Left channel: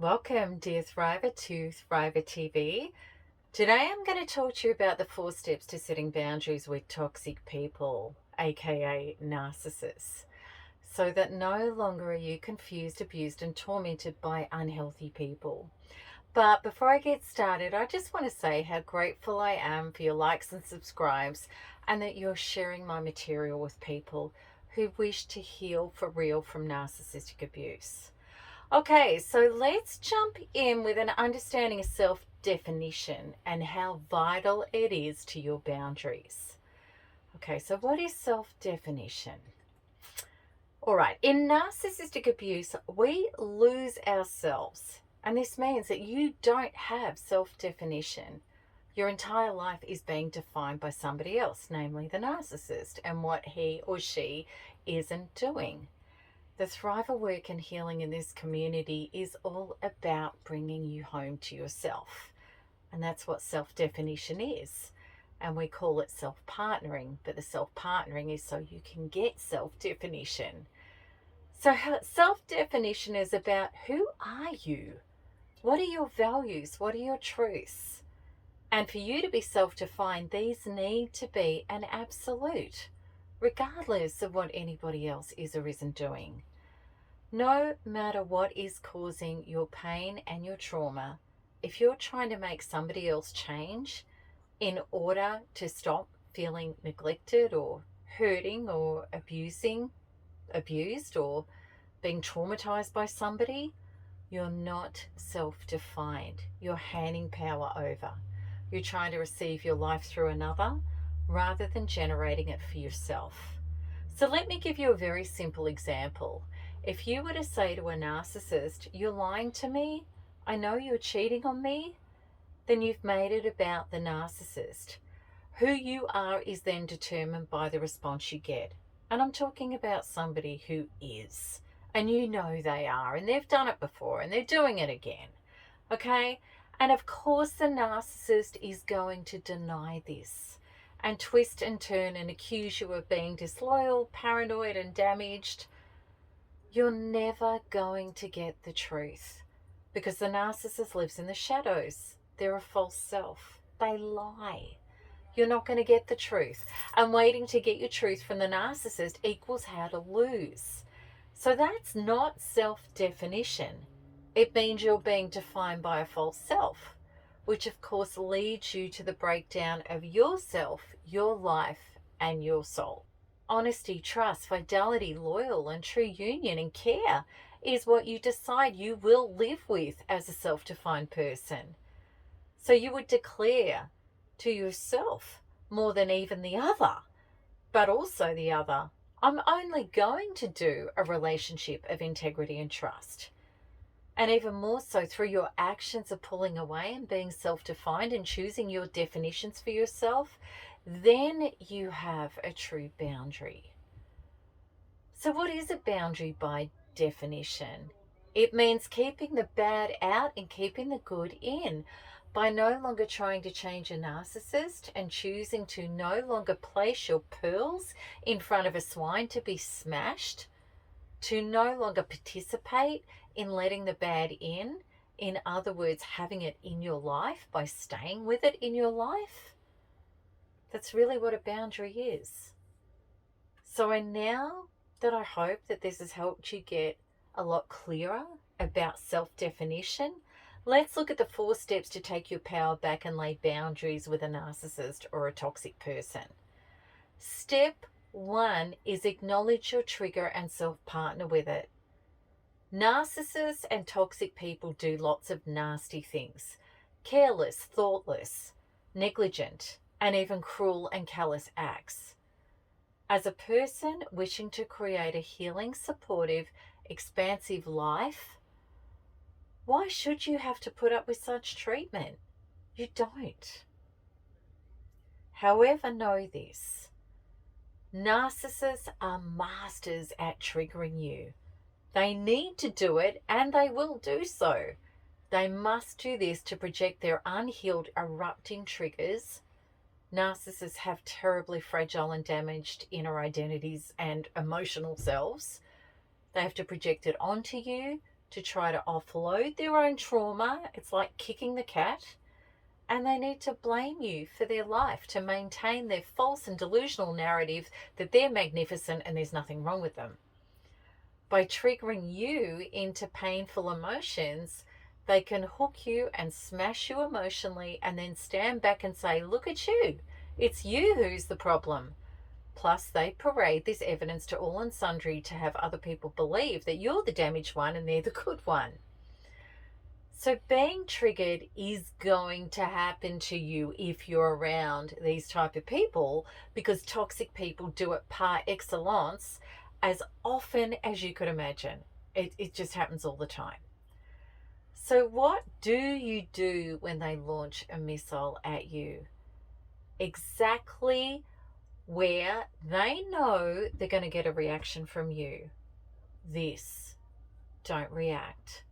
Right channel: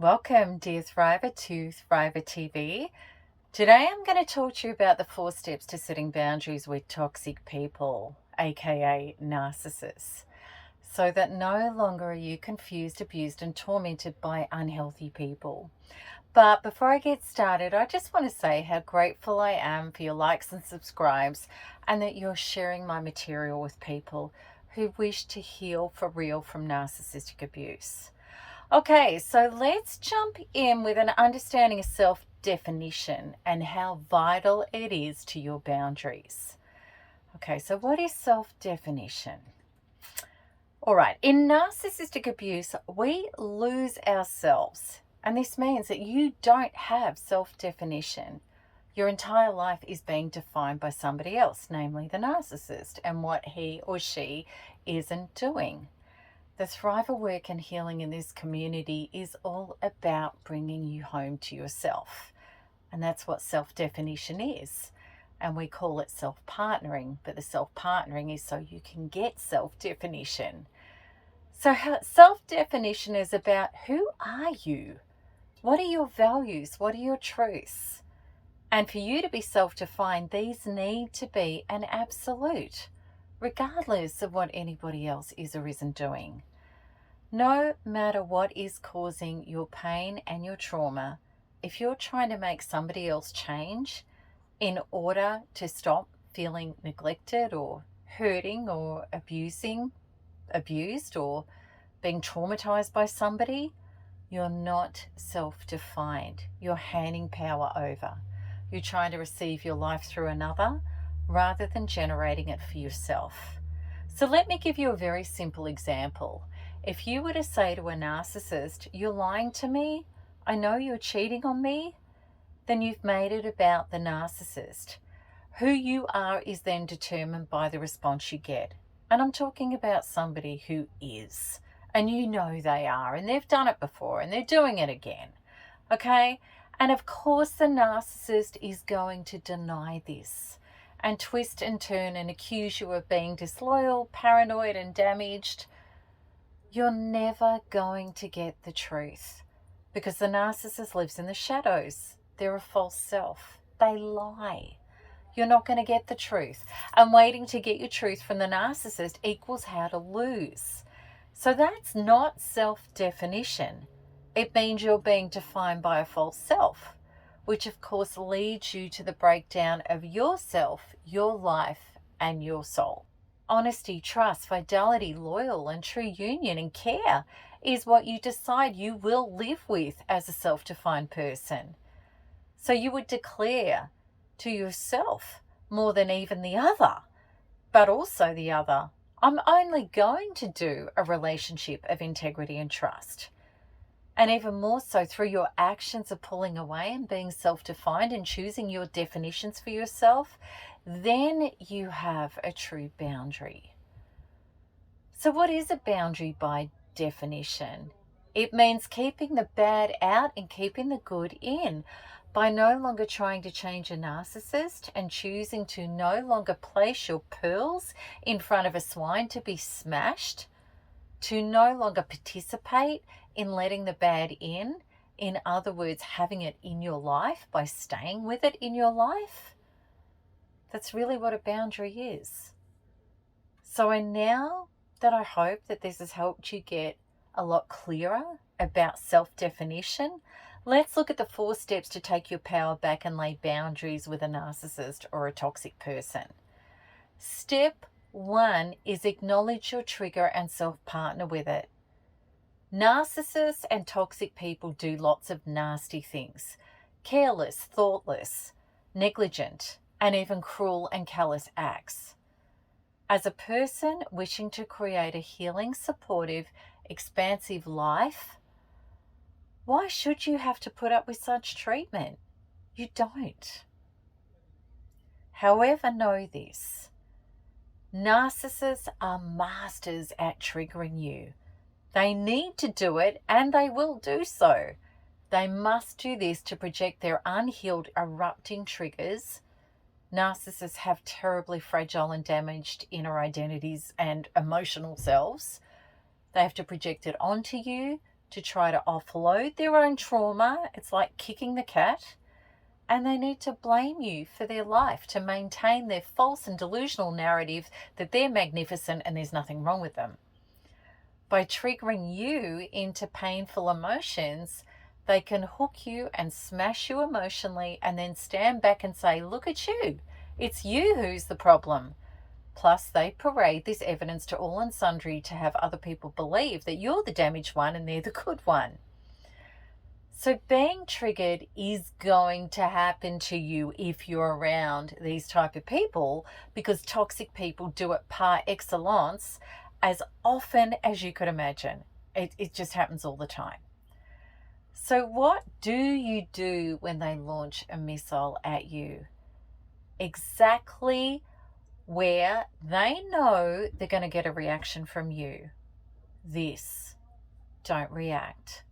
Welcome, dear Thriver, to Thriver TV. Today I'm going to talk to you about the 4 steps to setting boundaries with toxic people, aka narcissists, so that no longer are you confused, abused, and tormented by unhealthy people. But before I get started, I just want to say how grateful I am for your likes and subscribes, and that you're sharing my material with people who wish to heal for real from narcissistic abuse. Okay, so let's jump in with an understanding of self-definition and how vital it is to your boundaries. Okay, so what is self-definition? All right, in narcissistic abuse, we lose ourselves. And this means that you don't have self-definition. Your entire life is being defined by somebody else, namely the narcissist, and what he or she isn't doing. The Thriver work and healing in this community is all about bringing you home to yourself. And that's what self-definition is. And we call it self-partnering, but the self-partnering is so you can get self-definition. So self-definition is about, who are you? What are your values? What are your truths? And for you to be self-defined, these need to be an absolute, regardless of what anybody else is or isn't doing. No matter what is causing your pain and your trauma, if you're trying to make somebody else change in order to stop feeling neglected or hurting or abused or being traumatized by somebody, you're not self-defined. You're handing power over. You're trying to receive your life through another rather than generating it for yourself. So let me give you a very simple example. If you were to say to a narcissist, "You're lying to me, I know you're cheating on me," then you've made it about the narcissist. Who you are is then determined by the response you get. And I'm talking about somebody who is, and you know they are, and they've done it before, and they're doing it again. Okay? And of course the narcissist is going to deny this and twist and turn and accuse you of being disloyal, paranoid, and damaged. You're never going to get the truth, because the narcissist lives in the shadows. They're a false self. They lie. You're not going to get the truth. And waiting to get your truth from the narcissist equals how to lose. So that's not self-definition. It means you're being defined by a false self, which of course leads you to the breakdown of yourself, your life, and your soul. Honesty, trust, fidelity, loyal, and true union and care is what you decide you will live with as a self-defined person. So you would declare to yourself, more than even the other, but also the other, I'm only going to do a relationship of integrity and trust. And even more so through your actions of pulling away and being self-defined and choosing your definitions for yourself, then you have a true boundary. So what is a boundary by definition? It means keeping the bad out and keeping the good in, by no longer trying to change a narcissist and choosing to no longer place your pearls in front of a swine to be smashed, to no longer participate in letting the bad in other words, having it in your life by staying with it in your life. That's really what a boundary is. So now that I hope that this has helped you get a lot clearer about self-definition, let's look at the 4 steps to take your power back and lay boundaries with a narcissist or a toxic person. Step 1 is acknowledge your trigger and self-partner with it. Narcissists and toxic people do lots of nasty things. Careless, thoughtless, negligent, and even cruel and callous acts. As a person wishing to create a healing, supportive, expansive life, why should you have to put up with such treatment? You don't. However, know this. Narcissists are masters at triggering you. They need to do it, and they will do so. They must do this to project their unhealed, erupting triggers. Narcissists have terribly fragile and damaged inner identities and emotional selves. They have to project it onto you to try to offload their own trauma. It's like kicking the cat. And they need to blame you for their life to maintain their false and delusional narrative that they're magnificent and there's nothing wrong with them. By triggering you into painful emotions, they can hook you and smash you emotionally and then stand back and say, look at you. It's you who's the problem. Plus, they parade this evidence to all and sundry to have other people believe that you're the damaged one and they're the good one. So being triggered is going to happen to you if you're around these type of people, because toxic people do it par excellence as often as you could imagine. It just happens all the time. So what do you do when they launch a missile at you? Exactly where they know they're going to get a reaction from you. This. Don't react.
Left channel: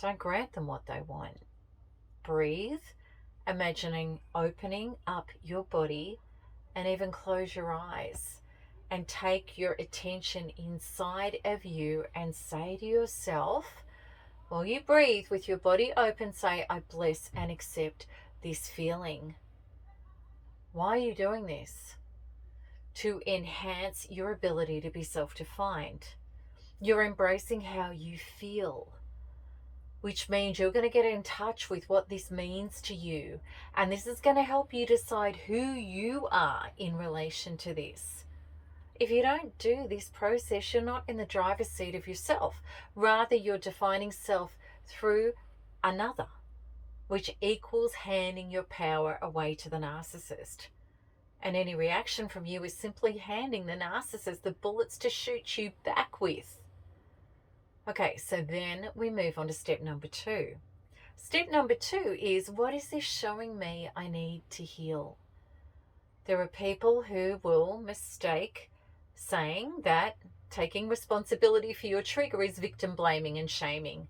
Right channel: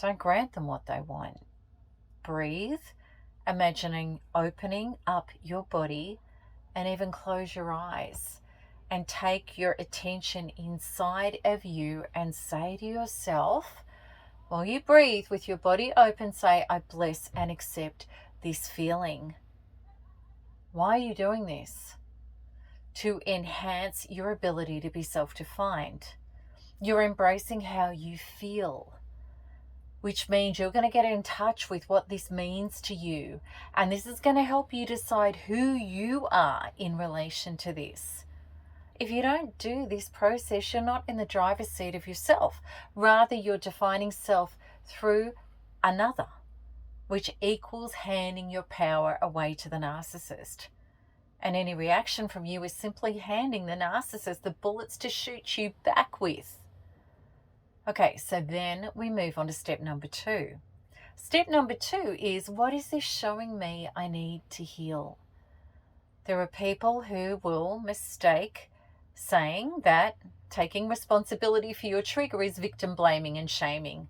Don't grant them what they want. Breathe, imagining opening up your body, and even close your eyes and take your attention inside of you and say to yourself, while you breathe with your body open, say, I bless and accept this feeling. Why are you doing this? To enhance your ability to be self-defined. You're embracing how you feel, which means you're going to get in touch with what this means to you. And this is going to help you decide who you are in relation to this. If you don't do this process, you're not in the driver's seat of yourself. Rather, you're defining self through another, which equals handing your power away to the narcissist. And any reaction from you is simply handing the narcissist the bullets to shoot you back with. Okay, so then we move on to step number 2. Step number 2 is, what is this showing me I need to heal? There are people who will mistake saying that taking responsibility for your trigger is victim blaming and shaming.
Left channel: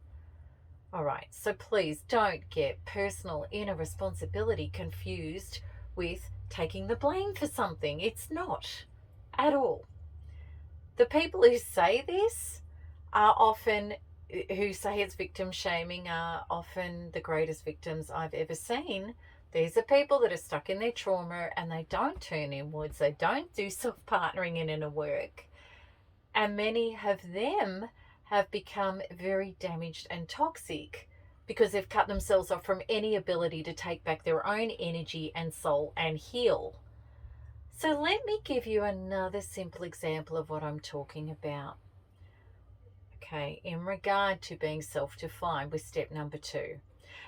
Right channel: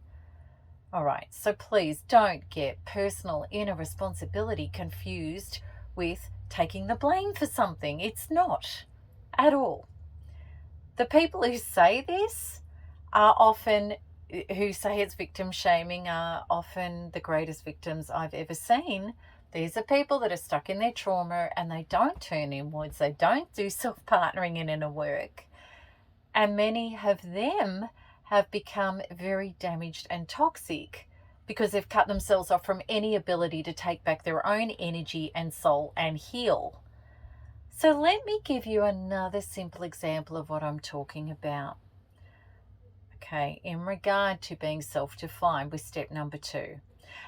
All right, so please don't get personal inner responsibility confused with taking the blame for something. It's not at all. The people who say this are often, who say it's victim shaming, are often the greatest victims I've ever seen. These are people that are stuck in their trauma and they don't turn inwards. They don't do self-partnering and inner work. And many of them have become very damaged and toxic because they've cut themselves off from any ability to take back their own energy and soul and heal. So let me give you another simple example of what I'm talking about. Okay, in regard to being self-defined with step number 2.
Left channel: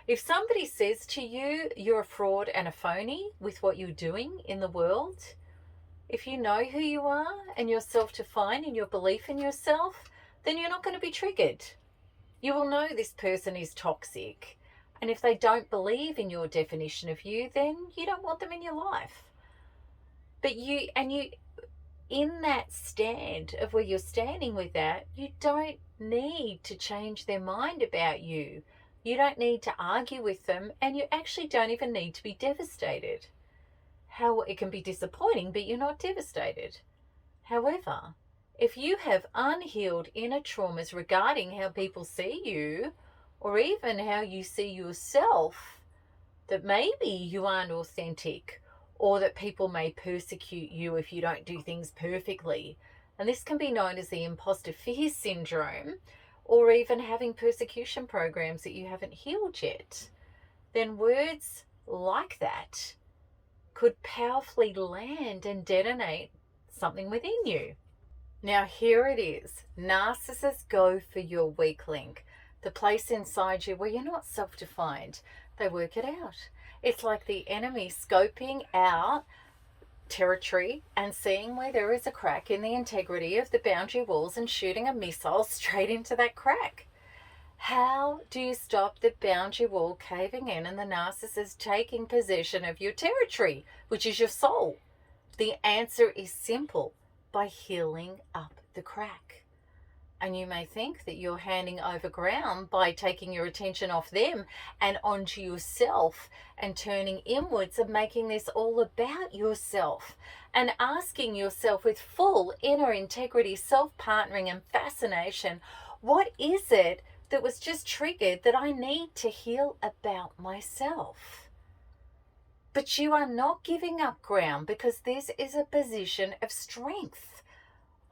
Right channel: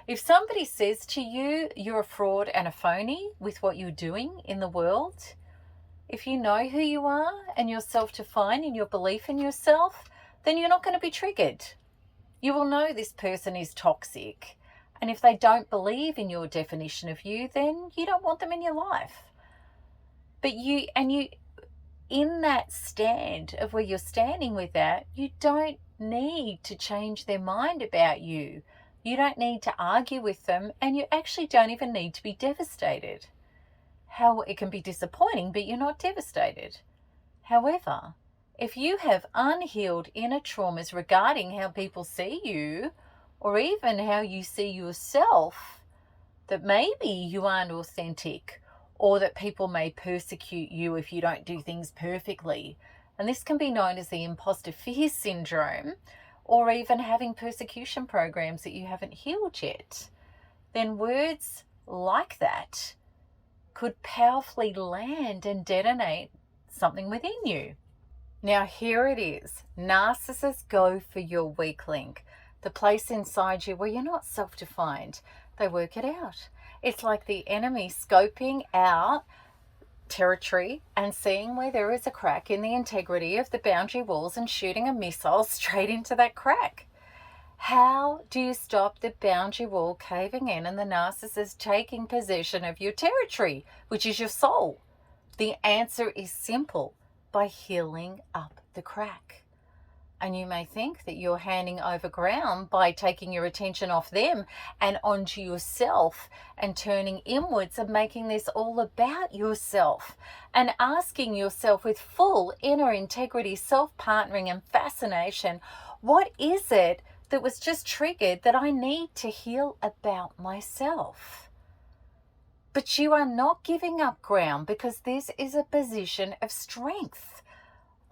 If somebody says to you, you're a fraud and a phony with what you're doing in the world, if you know who you are and you're self-defined in your belief in yourself, then you're not going to be triggered. You will know this person is toxic. And if they don't believe in your definition of you, then you don't want them in your life. But you, in that stand of where you're standing with that, you don't need to change their mind about you. You don't need to argue with them, and you actually don't even need to be devastated. How it can be disappointing, but you're not devastated. However, if you have unhealed inner traumas regarding how people see you, or even how you see yourself, that maybe you aren't authentic, or that people may persecute you if you don't do things perfectly. And this can be known as the imposter fear syndrome, or even having persecution programs that you haven't healed yet. Then words like that could powerfully land and detonate something within you. Now here it is. Narcissists go for your weak link, the place inside you where you're not self-defined. They work it out. It's like the enemy scoping out territory and seeing where there is a crack in the integrity of the boundary walls and shooting a missile straight into that crack. How do you stop the boundary wall caving in and the narcissist taking possession of your territory, which is your soul? The answer is simple: by healing up the crack. And you may think that you're handing over ground by taking your attention off them and onto yourself and turning inwards and making this all about yourself and asking yourself with full inner integrity, self-partnering and fascination, what is it that was just triggered that I need to heal about myself. But you are not giving up ground, because this is a position of strength,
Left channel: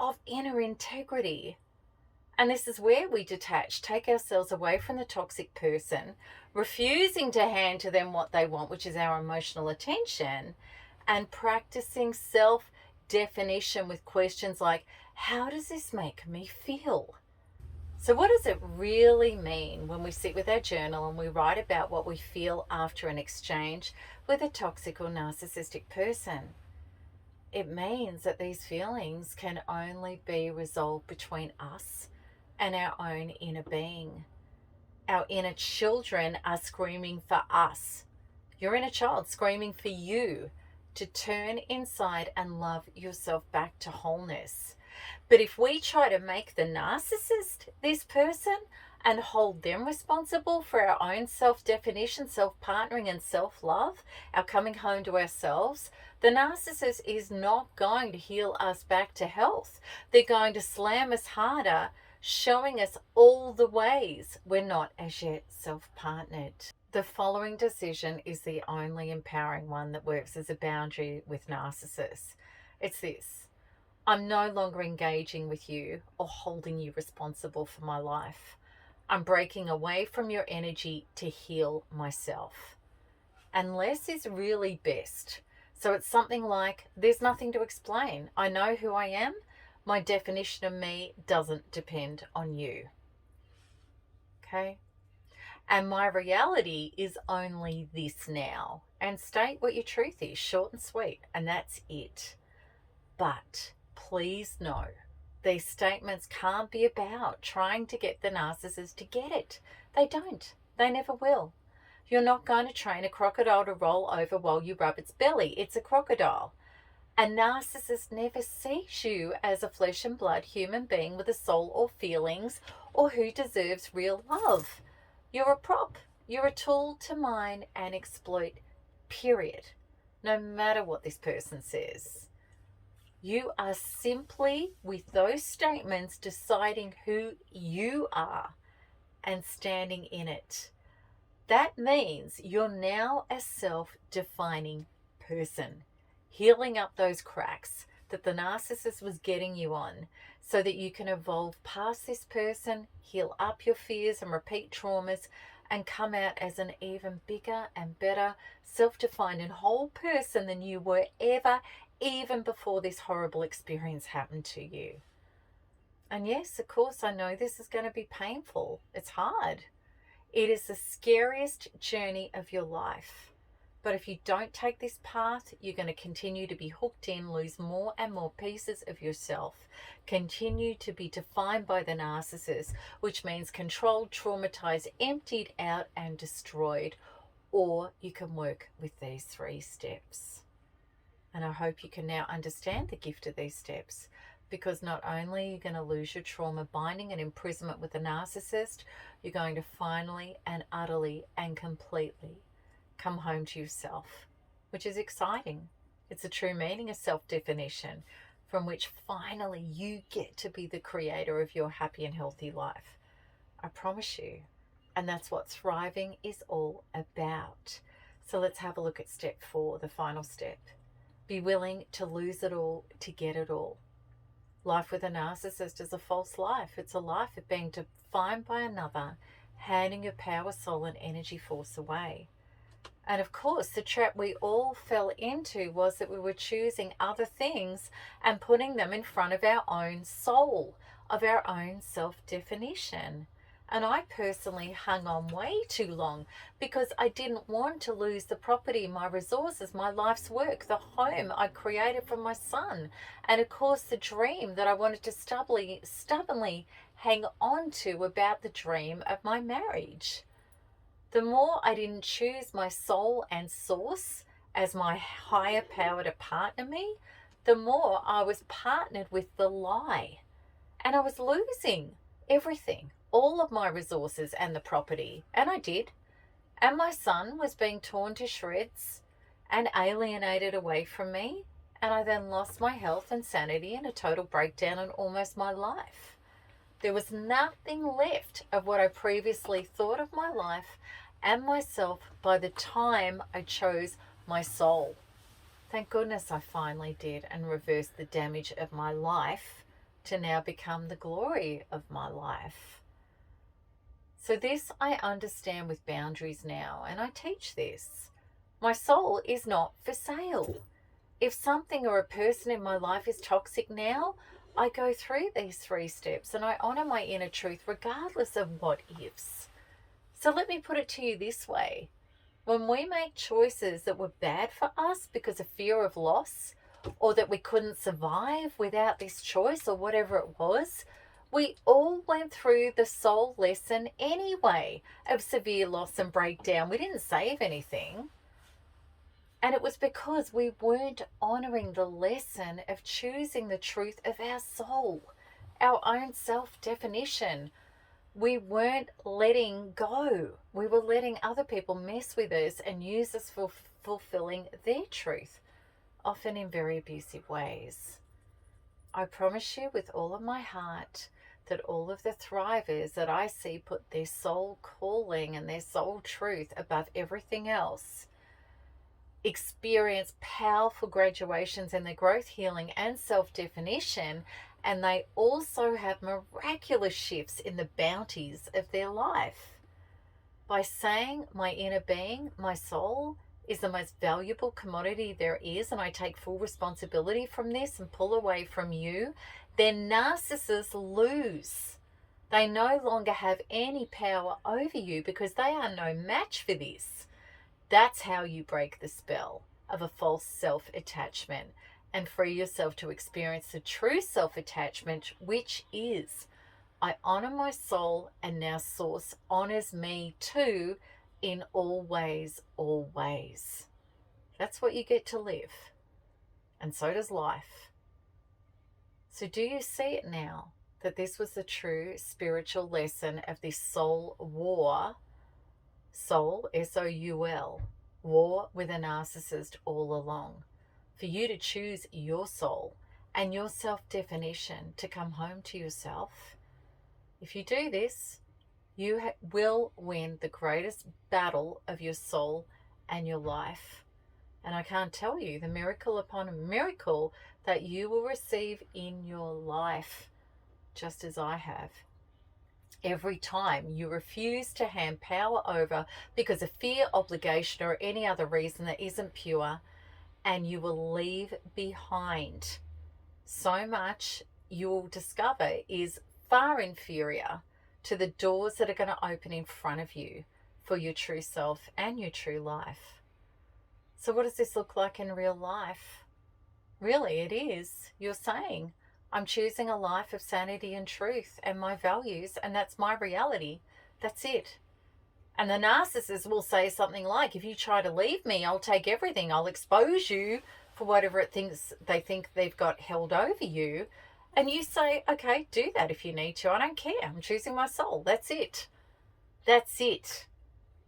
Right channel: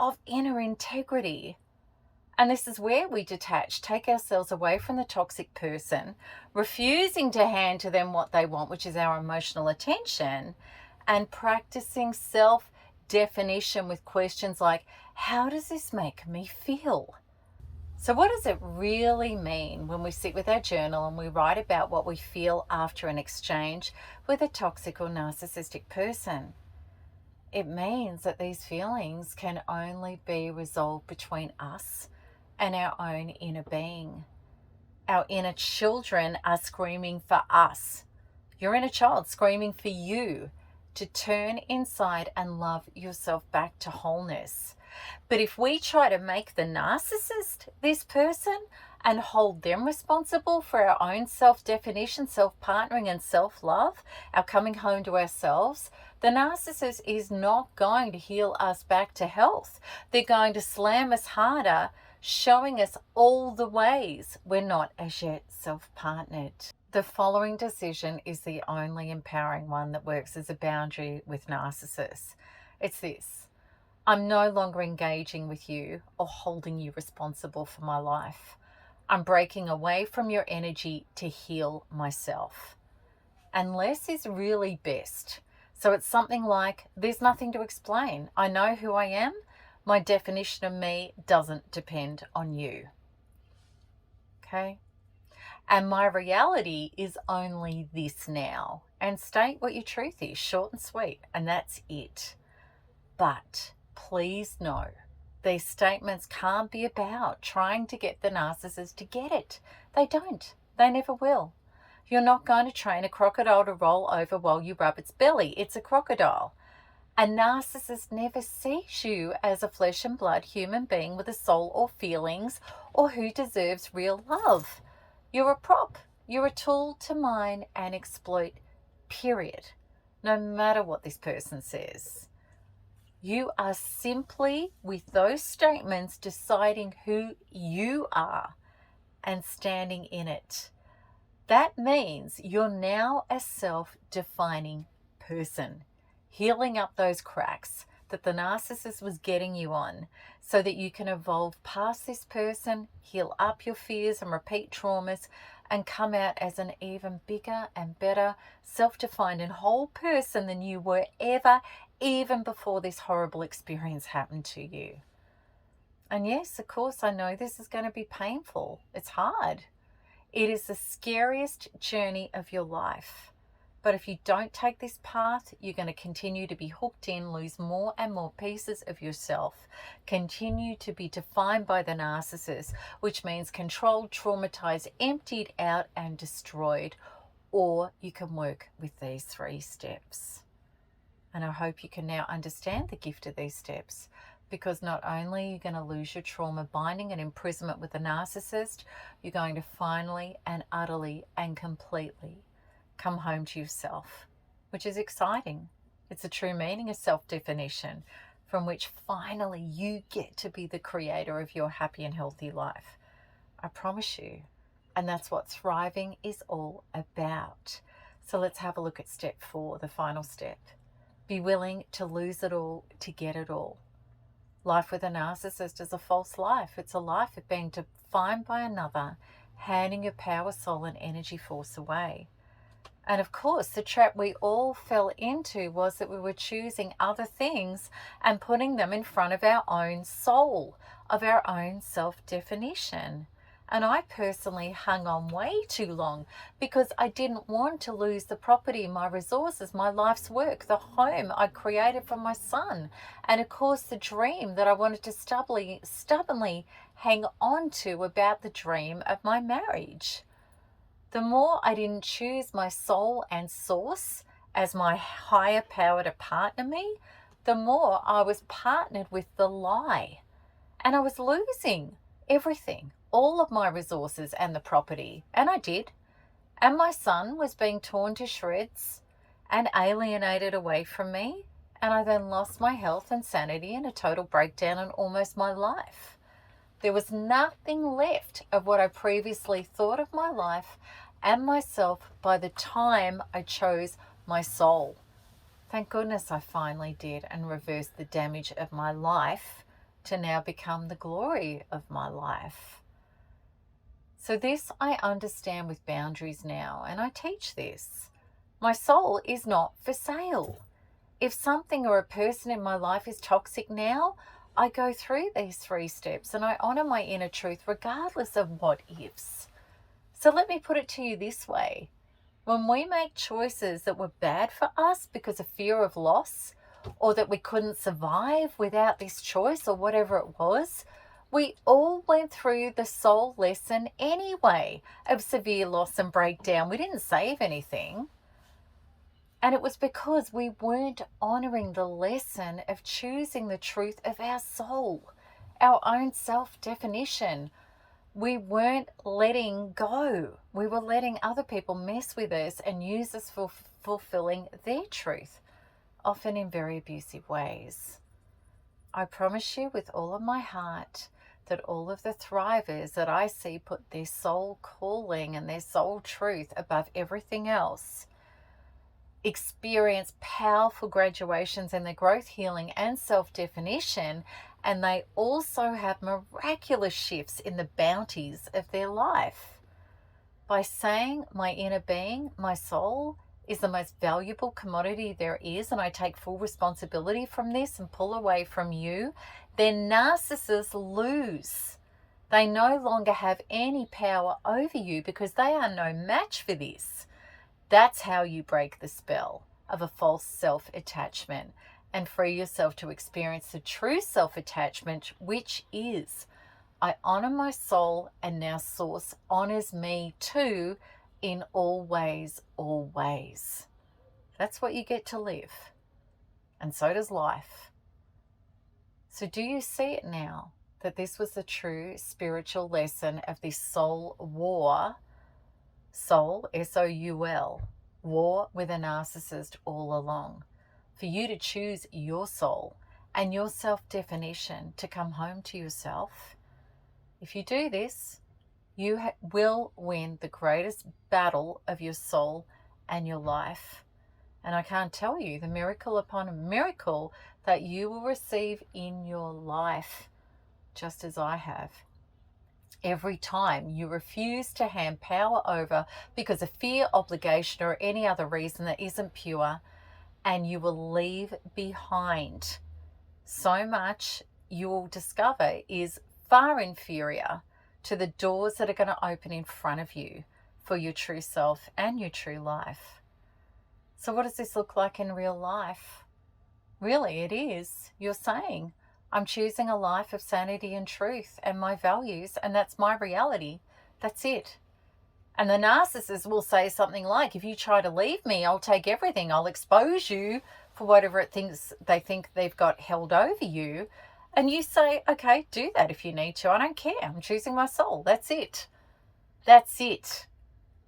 of inner integrity. And this is where we detach, take ourselves away from the toxic person, refusing to hand to them what they want, which is our emotional attention, and practicing self-definition with questions like, how does this make me feel? So what does it really mean when we sit with our journal and we write about what we feel after an exchange with a toxic or narcissistic person? It means that these feelings can only be resolved between us and our own inner being. Our inner children are screaming for us. Your inner child screaming for you to turn inside and love yourself back to wholeness. But if we try to make the narcissist this person and hold them responsible for our own self-definition, self-partnering, and self-love, our coming home to ourselves, the narcissist is not going to heal us back to health. They're going to slam us harder, showing us all the ways we're not as yet self-partnered. The following decision is the only empowering one that works as a boundary with narcissists. It's this: I'm no longer engaging with you or holding you responsible for my life. I'm breaking away from your energy to heal myself. And less is really best. So it's something like, there's nothing to explain. I know who I am. My definition of me doesn't depend on you. Okay? And my reality is only this now. And state what your truth is, short and sweet, and that's it. But please know, these statements can't be about trying to get the narcissist to get it. They don't. They never will. You're not going to train a crocodile to roll over while you rub its belly. It's a crocodile. A narcissist never sees you as a flesh and blood human being with a soul or feelings, or who deserves real love. You're a prop. You're a tool to mine and exploit, period. No matter what this person says. You are simply, with those statements, deciding who you are and standing in it. That means you're now a self-defining person, healing up those cracks that the narcissist was getting you on, so that you can evolve past this person, heal up your fears and repeat traumas, and come out as an even bigger and better self-defined and whole person than you were ever, even before this horrible experience happened to you. And yes, of course, I know this is going to be painful. It's hard. It is the scariest journey of your life. But if you don't take this path, you're going to continue to be hooked in, lose more and more pieces of yourself, continue to be defined by the narcissist, which means controlled, traumatized, emptied out, and destroyed. Or you can work with these 3 steps. And I hope you can now understand the gift of these steps, because not only are you going to lose your trauma binding and imprisonment with the narcissist, you're going to finally and utterly and completely come home to yourself, which is exciting. It's a true meaning of self-definition, from which finally you get to be the creator of your happy and healthy life. I promise you. And that's what thriving is all about. So let's have a look at step 4, the final step. Be willing to lose it all to get it all. Life with a narcissist is a false life. It's a life of being defined by another, handing your power, soul, and energy force away. And of course, the trap we all fell into was that we were choosing other things and putting them in front of our own soul, of our own self-definition. And I personally hung on way too long because I didn't want to lose the property, my resources, my life's work, the home I created for my son, and of course the dream that I wanted to stubbornly hang on to about the dream of my marriage. The more I didn't choose my soul and source as my higher power to partner me, the more I was partnered with the lie. And I was losing everything, all of my resources and the property. And I did. And my son was being torn to shreds and alienated away from me. And I then lost my health and sanity and a total breakdown in almost my life. There was nothing left of what I previously thought of my life and myself by the time I chose my soul. Thank goodness I finally did, and reversed the damage of my life to now become the glory of my life. So this I understand with boundaries now, and I teach this. My soul is not for sale. If something or a person in my life is toxic now, I go through these 3 steps and I honor my inner truth regardless of what ifs. So let me put it to you this way. When we make choices that were bad for us because of fear of loss, or that we couldn't survive without this choice or whatever it was, we all went through the soul lesson anyway of severe loss and breakdown. We didn't save anything. And it was because we weren't honoring the lesson of choosing the truth of our soul, our own self-definition. We weren't letting go. We were letting other people mess with us and use us for fulfilling their truth, often in very abusive ways. I promise you with all of my heart that all of the thrivers that I see put their soul calling and their soul truth above everything else experience powerful graduations in their growth, healing, and self-definition, and they also have miraculous shifts in the bounties of their life. By saying my inner being, my soul, is the most valuable commodity there is, and I take full responsibility from this and pull away from you, then narcissists lose. They no longer have any power over you because they are no match for this. That's how you break the spell of a false self-attachment and free yourself to experience the true self-attachment, which is, I honor my soul, and now Source honors me too in all ways, always. That's what you get to live. And so does life. So do you see it now, that this was the true spiritual lesson of this soul war? Soul, S-O-U-L, war with a narcissist all along. For you to choose your soul and your self-definition to come home to yourself. If you do this, you will win the greatest battle of your soul and your life. And I can't tell you the miracle upon a miracle that you will receive in your life, just as I have. Every time you refuse to hand power over because of fear, obligation, or any other reason that isn't pure, and you will leave behind so much you will discover is far inferior to the doors that are going to open in front of you for your true self and your true life. So what does this look like in real life? Really, it is. You're saying, I'm choosing a life of sanity and truth and my values, and that's my reality. That's it. And the narcissist will say something like, if you try to leave me, I'll take everything. I'll expose you for whatever they think they've got held over you. And you say, okay, do that if you need to. I don't care. I'm choosing my soul. That's it. That's it.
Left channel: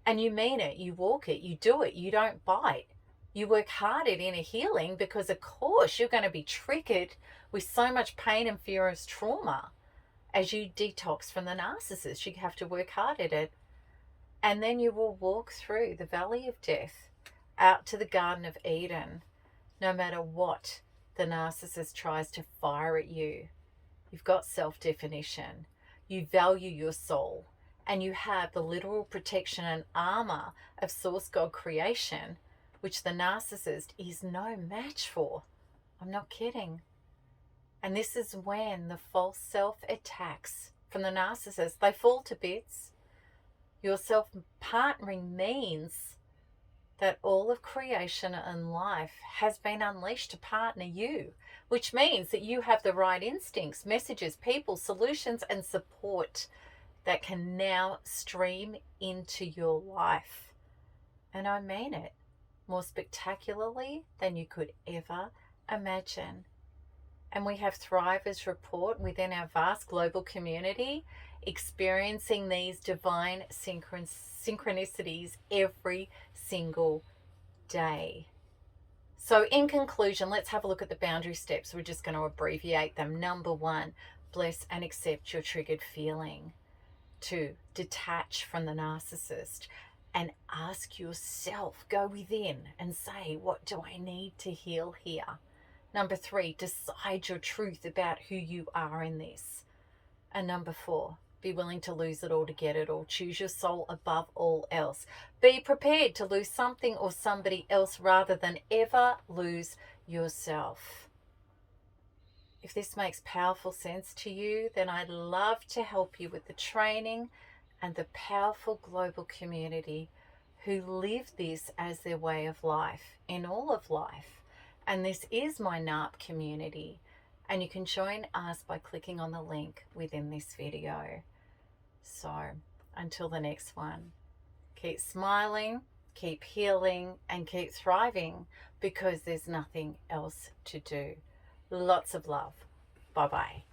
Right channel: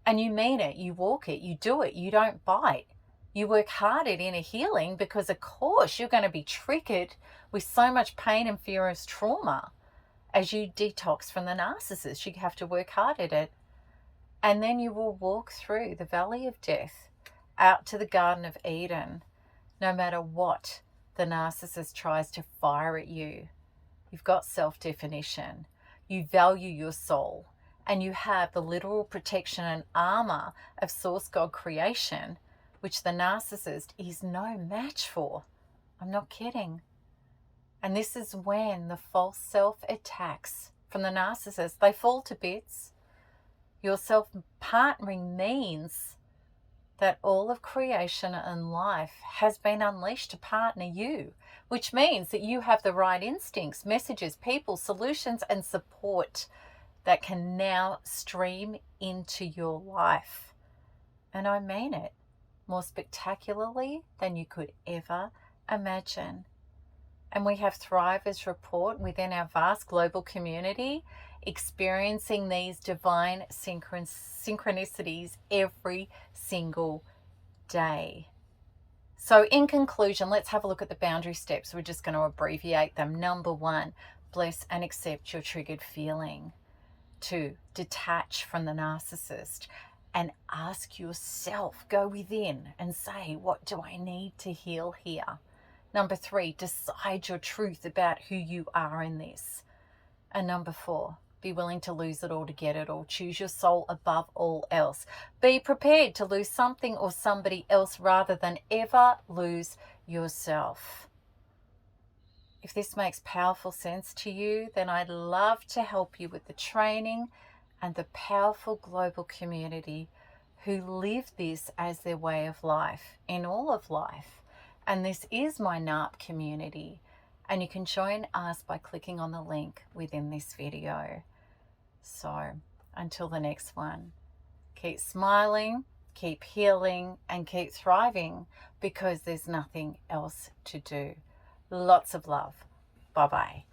And you mean it. You walk it. You do it. You don't bite. You work hard at inner healing because, of course, you're going to be triggered with so much pain and fear as trauma as you detox from the narcissist. You have to work hard at it. And then you will walk through the valley of death out to the Garden of Eden, no matter what the narcissist tries to fire at you. You've got self-definition. You value your soul. And you have the literal protection and armor of Source God creation, which the narcissist is no match for. I'm not kidding. And this is when the false self attacks from the narcissist, they fall to bits. Your self-partnering means that all of creation and life has been unleashed to partner you, which means that you have the right instincts, messages, people, solutions, and support that can now stream into your life. And I mean it, more spectacularly than you could ever imagine. And we have Thrivers report within our vast global community experiencing these divine synchronicities every single day. So in conclusion, let's have a look at the boundary steps. We're just going to abbreviate them. Number 1, bless and accept your triggered feeling. 2, detach from the narcissist and ask yourself, go within and say, what do I need to heal here? Number 3, decide your truth about who you are in this. And number 4, be willing to lose it all to get it all. Choose your soul above all else. Be prepared to lose something or somebody else rather than ever lose yourself. If this makes powerful sense to you, then I'd love to help you with the training and the powerful global community who live this as their way of life in all of life. And this is my NARP community. And you can join us by clicking on the link within this video. So until the next one, keep smiling, keep healing, and keep thriving, because there's nothing else to do. Lots of love. Bye-bye.